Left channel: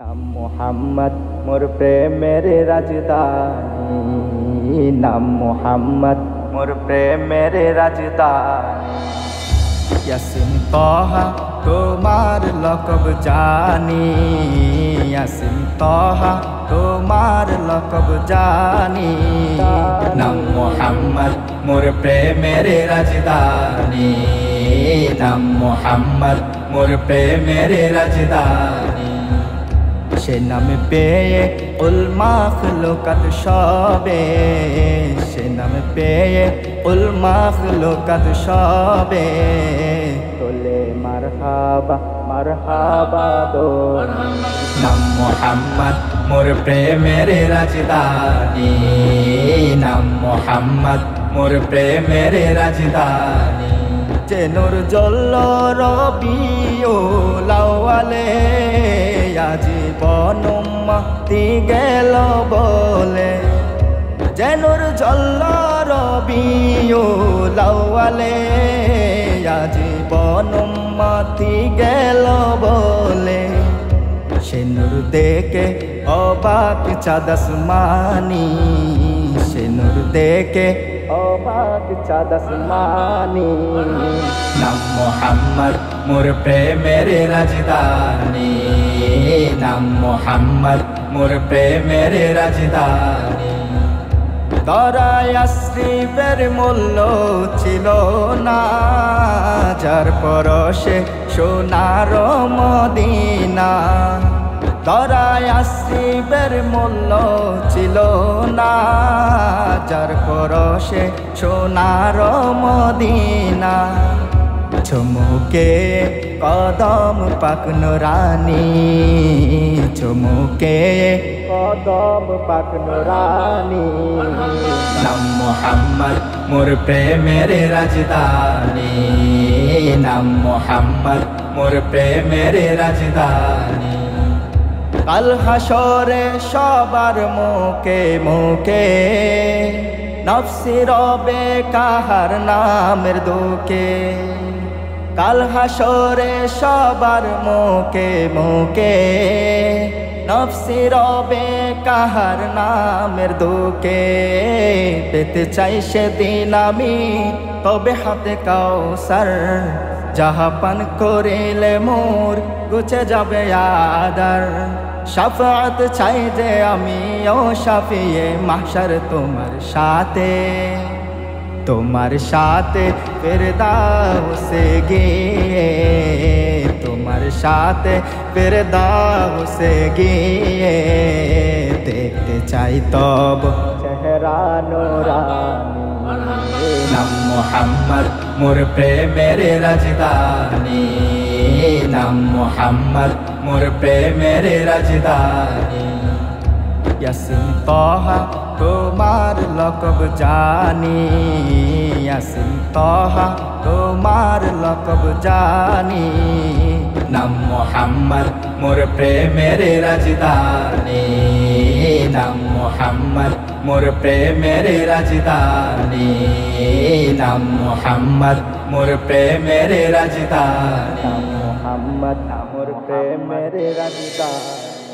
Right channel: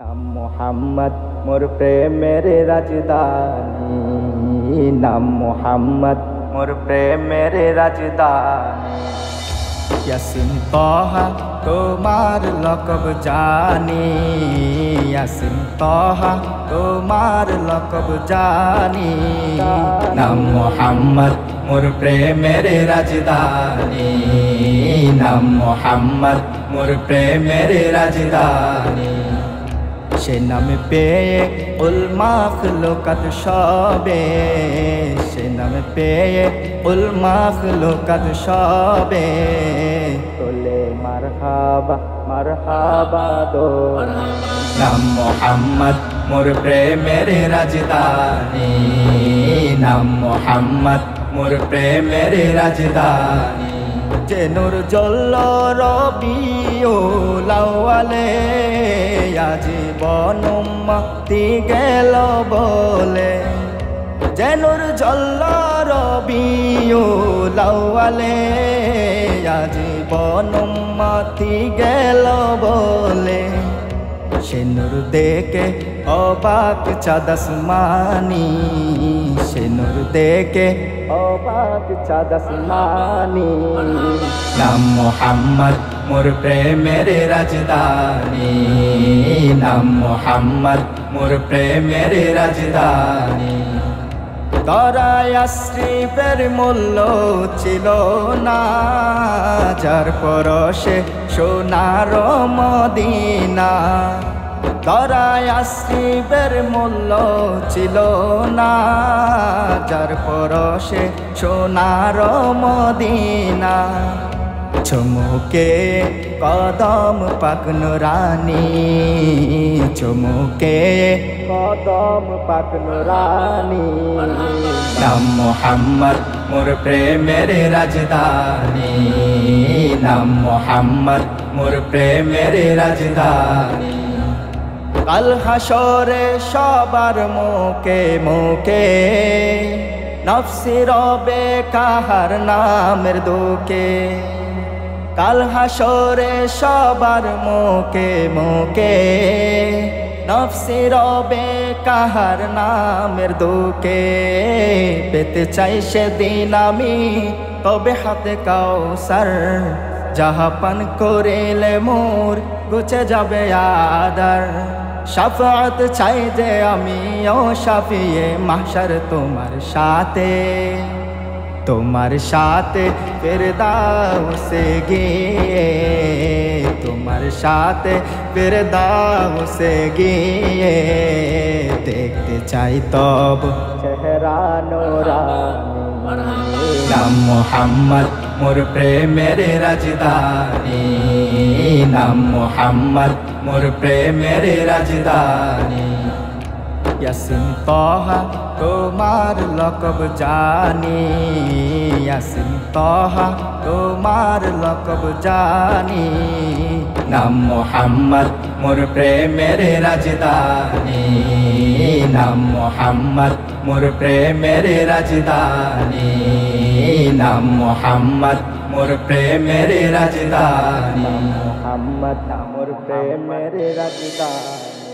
নাম মোহাম্মদ মোর প্রেমের রাজধানী, নাম মোহাম্মদ মোর প্রেমের রাজধানী। ইয়াসিন তাহা তোমার লকব জানি, ইয়াসিন তাহা তোমার লকব জানি। নাম মোহাম্মদ মোর প্রেমের রাজধানী, নাম মোহাম্মদ মোর প্রেমের রাজধানী। সে নাম পেয়ে উল মাখলুকাত সবে, সে নাম পেয়ে উল মাখলুকাত সবে তোলে মারহাবা মারহাবা দো। নাম মোহাম্মদ মোর প্রেমের রাজধানী, নাম মোহাম্মদ মোর প্রেমের রাজধানী। যে নূর জ্বলল রবিউল আউয়ালে, আজীবন উম্মতি গেল বলে। যে নূর জ্বলল রবিউল আউয়ালে, আজীবন উম্মতি গেল বলে। সে নূর দেখে অবাক চাঁদ আসমানি, সে নূর দেখে অবাক চাঁদ আসমানি। নাম মোহাম্মদ মোর প্রেমের রাজধানী, নাম মোহাম্মদ মোর প্রেমের রাজধানী। দরায় আশ্রিফের মূল্য ছিল না, যার পরশে সোনার মদিনা। দরায় আশ্রিফের মূল্য ছিল না, যার পরশে সোনার মদিনা। চুমুকে কদম পাক নুরানি, চুমুকে কদম পাক নুরানি। নাম মোহাম্মদ মোর প্রেমের রাজধানী, নাম মোহাম্মদ মোর প্রেমের রাজধানী। কাল হাসরে সবার মুখে মুখে নফসি রবে কাহার নামের দুকে। কাল হাসরে সবার মুখে মুখে নফসি রবে কাহার নামের দুকে। পেতে চাই সেদিন আমি তবে হাতে কাউসার, যাহা পান করিলে মোর গুছে যাবে আদার। শাফাআত চাই যে আমি ও শাফিয়ে মাহশর তোমার সাথে, তোমার সাথে ফিরদাউসে গিয়ে, তোমার সাথে ফিরদাউসে গিয়ে। দেখতে চাই তব চেহারা নুরানি। নাম মোহাম্মদ মোর প্রেমের রাজধানী, নাম মোহাম্মদ মোর প্রেমের রাজধানী। ইয়াসিন তাহা তোমার লকব জানি, ইয়াসিন তাহা তোমার লকব জানি। নাম মোহাম্মদ মোর প্রেমের রাজধানী, নাম মোহাম্মদ মোর প্রেমের রাজধানী। নাম মোহাম্মদ মোর প্রেমের রাজধানী, নাম মোহাম্মদ মোর প্রেমের রাজধানী।